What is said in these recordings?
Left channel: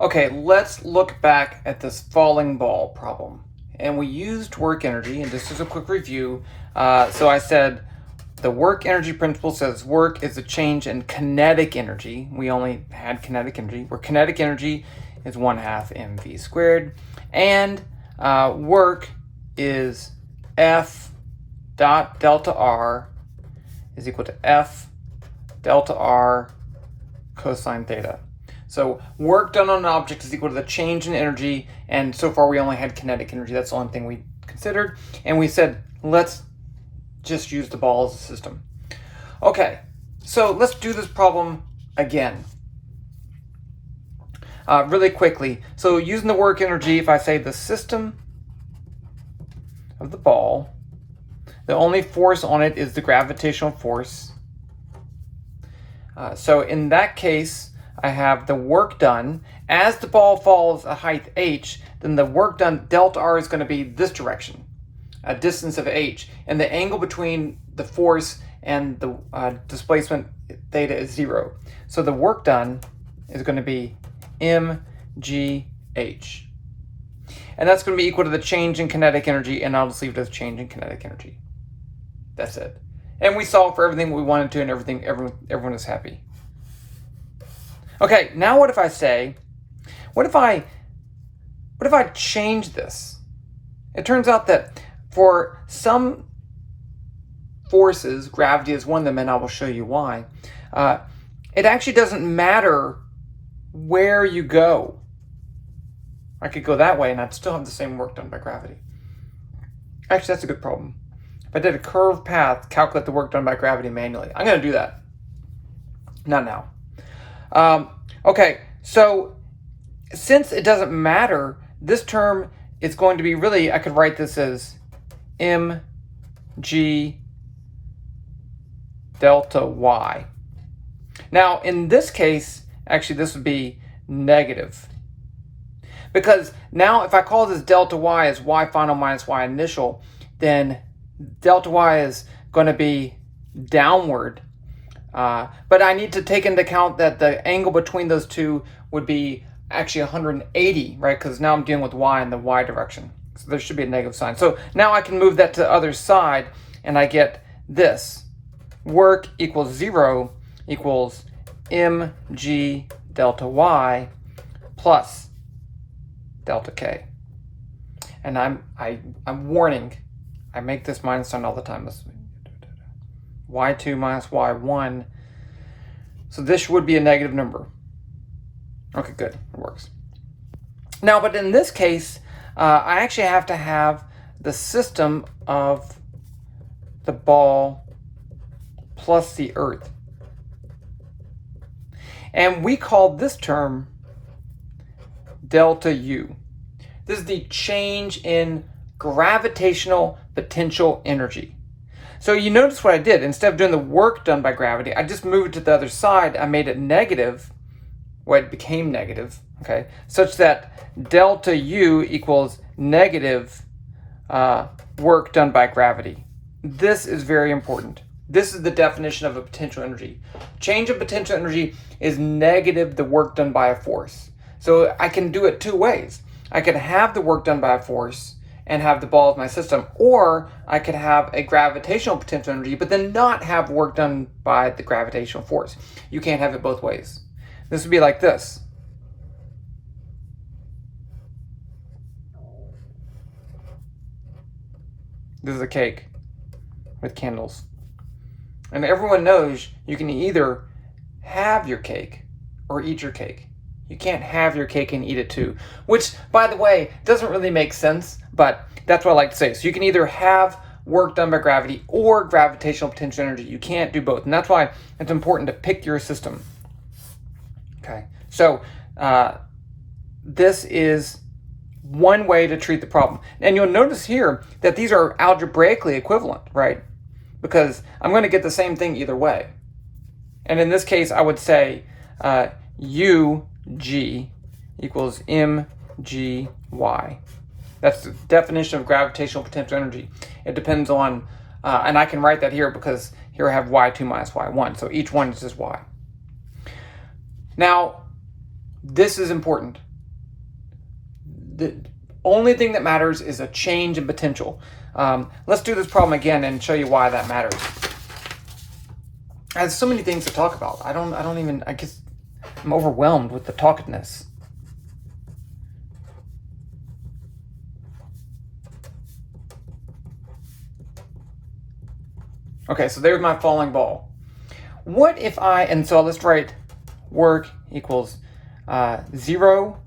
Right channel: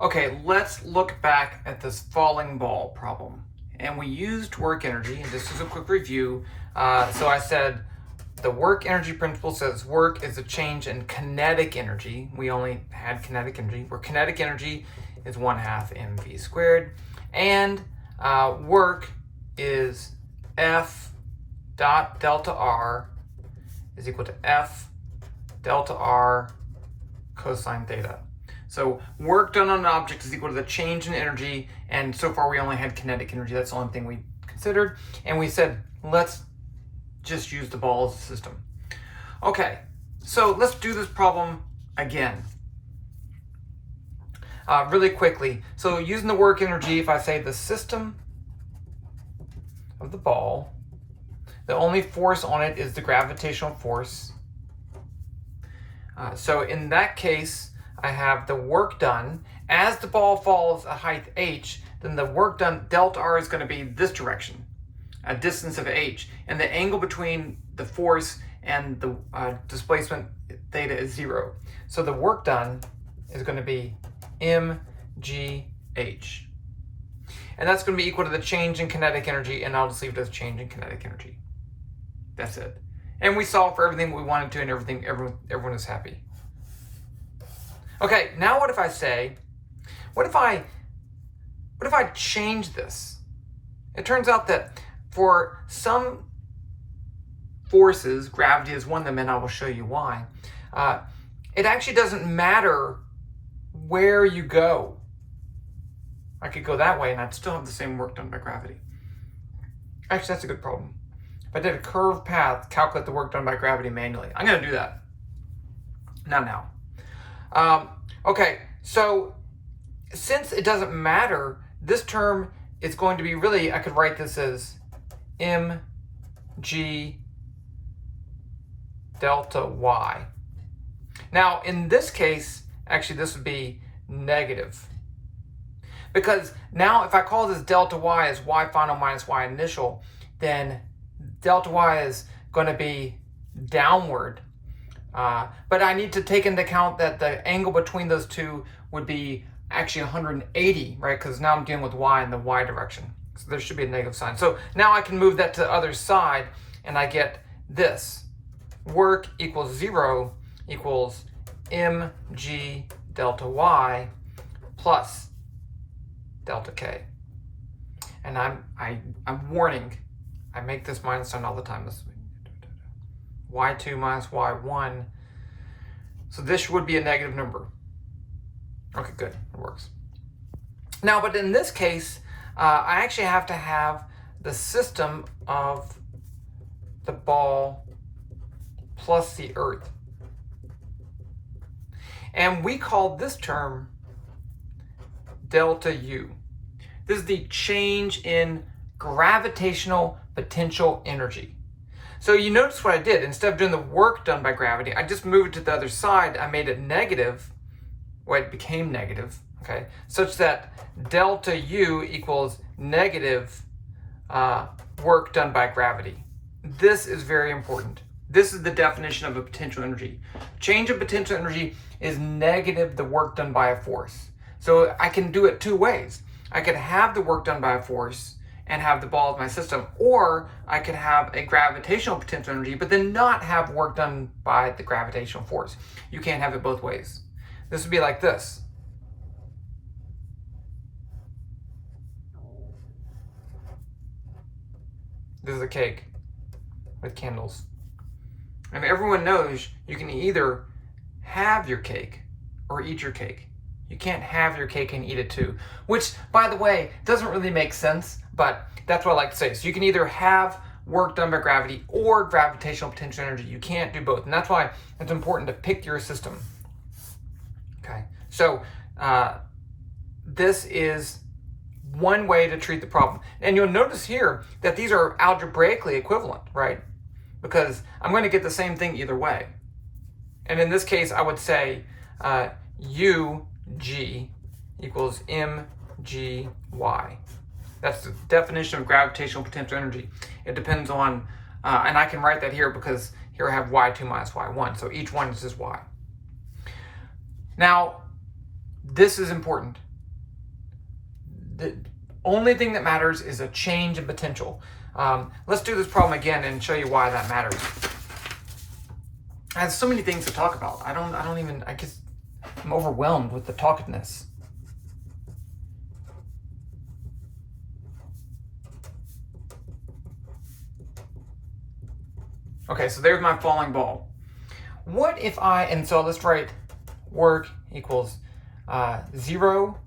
Okay, let's look back at this falling ball problem. And we used work energy, and just as a quick review, so I said the work energy principle says work is a change in kinetic energy. We only had kinetic energy, where kinetic energy is 1/2 mv squared, and work is F dot delta R is equal to F delta R cosine theta. So work done on an object is equal to the change in energy, and so far we only had kinetic energy. That's the only thing we considered, and we said let's just use the ball as a system. Okay, so let's do this problem again. Really quickly, so using the work energy, if I say the system of the ball, the only force on it is the gravitational force. So in that case, I have the work done. As the ball falls a height h, then the work done delta r is going to be this direction, a distance of h, and the angle between the force and the displacement theta is 0. So the work done is going to be mgh. And that's going to be equal to the change in kinetic energy, and I'll just leave it as change in kinetic energy. That's it. And we solved for everything we wanted to, and everyone is happy. Okay, now what if I say, what if I change this? It turns out that for some forces, gravity is one of them, and I will show you why, it actually doesn't matter where you go. I could go that way and I'd still have the same work done by gravity. Actually, that's a good problem. If I did a curved path, calculate the work done by gravity manually. I'm going to do that. Not now. Okay, so since it doesn't matter, this term is going to be really, I could write this as mg delta y. Now, in this case, actually this would be negative. Because now if I call this delta y as y final minus y initial, then delta y is going to be downward. But I need to take into account that the angle between those two would be actually 180, right? Because now I'm dealing with y in the y direction. So there should be a negative sign. So now I can move that to the other side, and I get this. Work equals 0 equals mg delta y plus delta k. And I'm warning, I make this minus sign all the time. This y2 minus y1. So this would be a negative number. Okay, good, it works. Now, but in this case, I actually have to have the system of the ball plus the earth. And we call this term delta U. This is the change in gravitational potential energy. So you notice what I did. Instead of doing the work done by gravity, I just moved it to the other side. I made it negative, well, it became negative, okay, such that delta U equals negative work done by gravity. This is very important. This is the definition of a potential energy. Change of potential energy is negative the work done by a force. So I can do it two ways. I could have the work done by a force and have the ball as my system, or I could have a gravitational potential energy, but then not have work done by the gravitational force. You can't have it both ways. This would be like this. This is a cake with candles. And everyone knows you can either have your cake or eat your cake. You can't have your cake and eat it too, which, by the way, doesn't really make sense, but that's what I like to say. So you can either have work done by gravity or gravitational potential energy. You can't do both, and that's why it's important to pick your system. Okay, so this is one way to treat the problem. And you'll notice here that these are algebraically equivalent, right? Because I'm going to get the same thing either way. And in this case, I would say UG equals mgy. That's the definition of gravitational potential energy. It depends on, and I can write that here because here I have y2 minus y1. So each one is just y. Now, this is important. the only thing that matters is a change in potential. Let's do this problem again and show you why that matters. I have so many things to talk about. I guess I'm overwhelmed with the talkativeness. Okay, so there's my falling ball. What if and so let's write work equals 0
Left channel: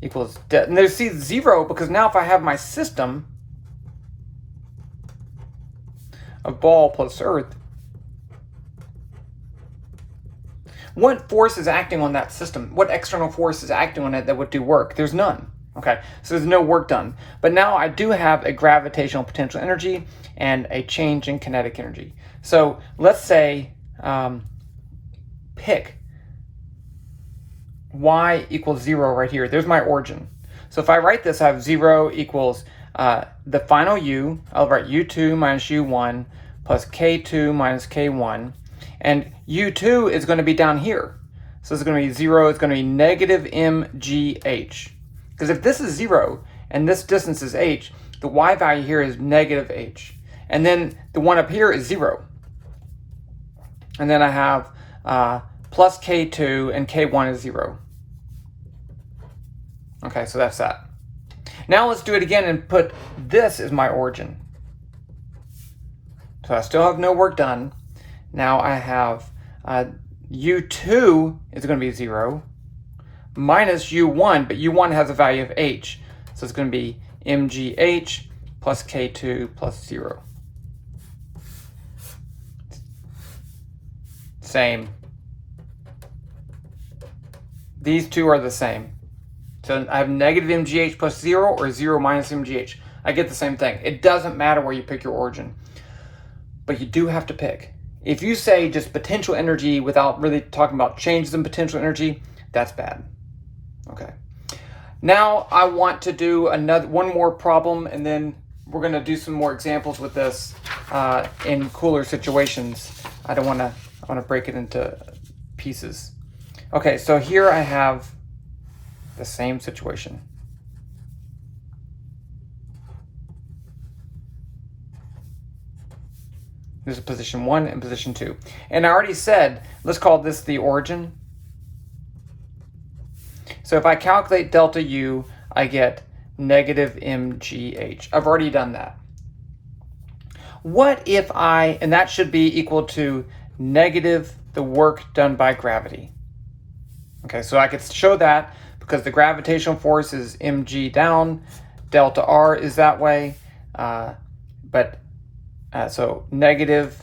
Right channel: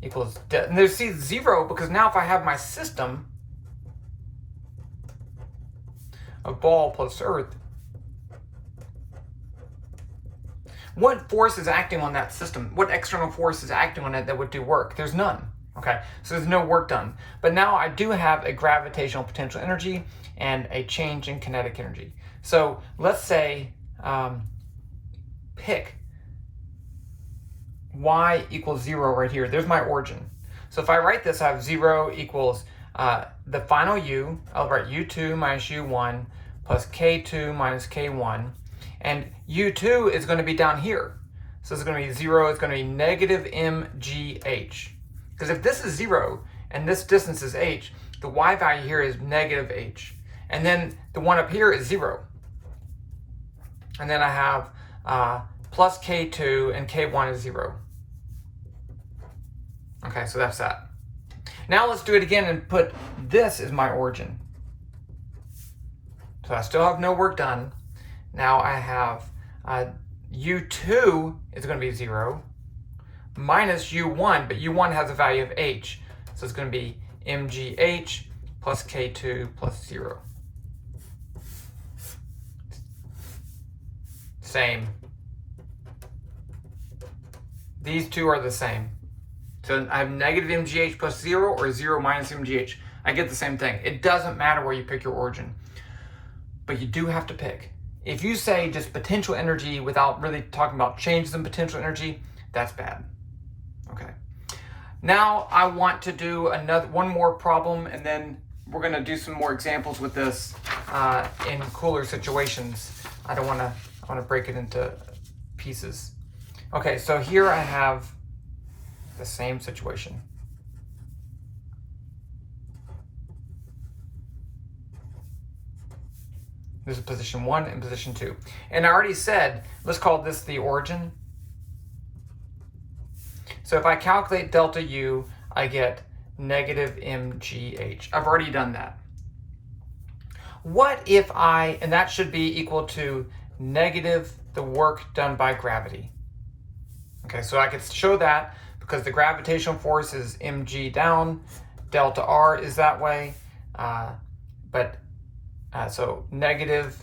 equals, and there's 0 because now if I have my system of ball plus earth, what force is acting on that system? What external force is acting on it that would do work? There's none. Okay, so there's no work done. But now I do have a gravitational potential energy and a change in kinetic energy. So let's say pick y equals 0 right here. There's my origin. So if I write this, I have 0 equals the final u. I'll write u2 minus u1 plus k2 minus k1. And u2 is going to be down here. So it's going to be 0. It's going to be negative mgh. Because if this is 0 and this distance is h, the y value here is negative h. And then the one up here is 0. And then I have plus k2 and k1 is 0. Okay, so that's that. Now let's do it again and put this as my origin. So I still have no work done. Now I have u2 is going to be 0 minus u1, but u1 has a value of h. So it's going to be mgh plus k2 plus 0. Same. These two are the same. So I have negative mgh plus 0 or 0 minus mgh. I get the same thing. It doesn't matter where you pick your origin. But you do have to pick. If you say just potential energy without really talking about changes in potential energy, that's bad. Okay. Now I want to do one more problem, and then we're going to do some more examples with this in cooler situations. I want to break it into pieces. Okay, so here I have the same situation. This is position 1 and position 2. And I already said, let's call this the origin. So if I calculate delta U, I get negative mgh. I've already done that. What if and that should be equal to negative the work done by gravity. Okay, so I could show that because the gravitational force is mg down, delta R is that way, so negative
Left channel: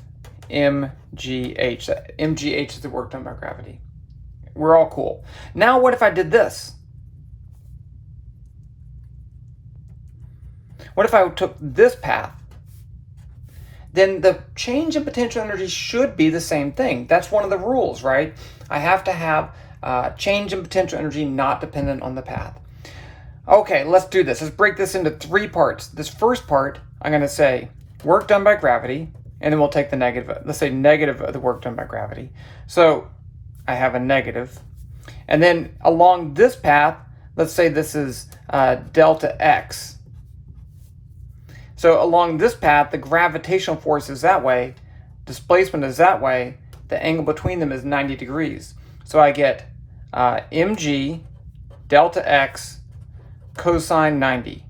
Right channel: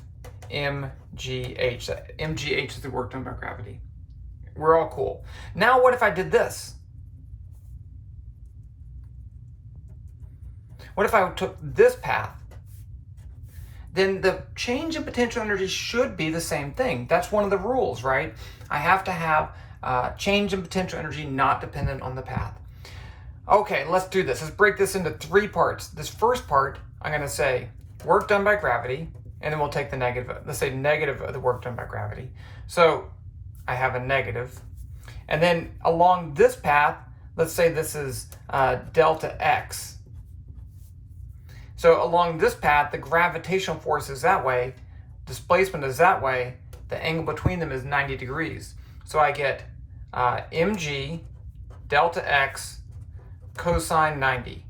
mgh. Mgh is the work done by gravity. We're all cool. Now what if I did this? What if I took this path? Then the change in potential energy should be the same thing. That's one of the rules, right? I have to have change in potential energy not dependent on the path. Okay, let's do this. Let's break this into 3 parts. This first part, I'm going to say work done by gravity, and then we'll take the negative. Let's say negative of the work done by gravity. So I have a negative. And then along this path, let's say this is delta x. So along this path, the gravitational force is that way, displacement is that way, the angle between them is 90 degrees. So I get mg delta x cosine 90.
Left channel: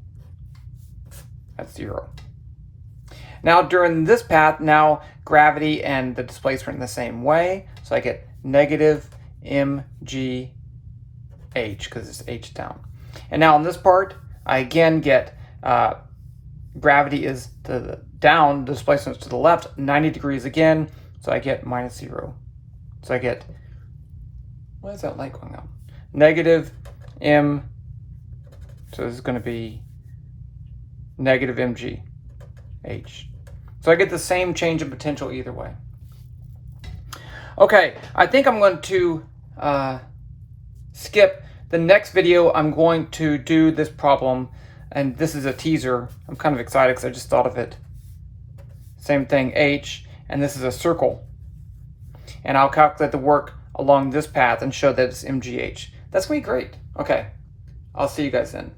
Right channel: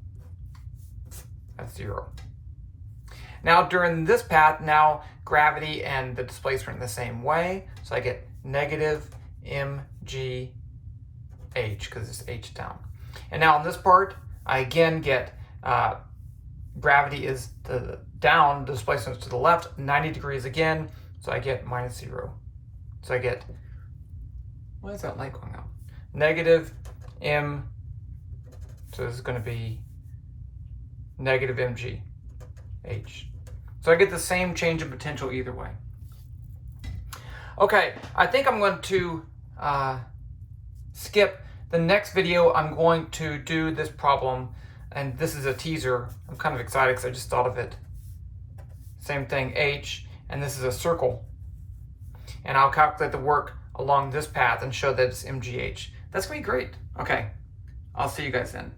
That's 0. Now during this path, now gravity and the displacement in the same way. So I get negative mgh because it's h down. And now on this part, I again get gravity is down, the displacement is to the left, 90 degrees again. So I get minus 0. So I get, why is that light going out? Negative m, so this is going to be negative mg h. So I get the same change in potential either way. Okay, I think I'm going to skip the next video. I'm going to do this problem, and this is a teaser. I'm kind of excited because I just thought of it. Same thing, h, and this is a circle. And I'll calculate the work along this path and show that it's mgh. That's going to be great. Okay, I'll see you guys then.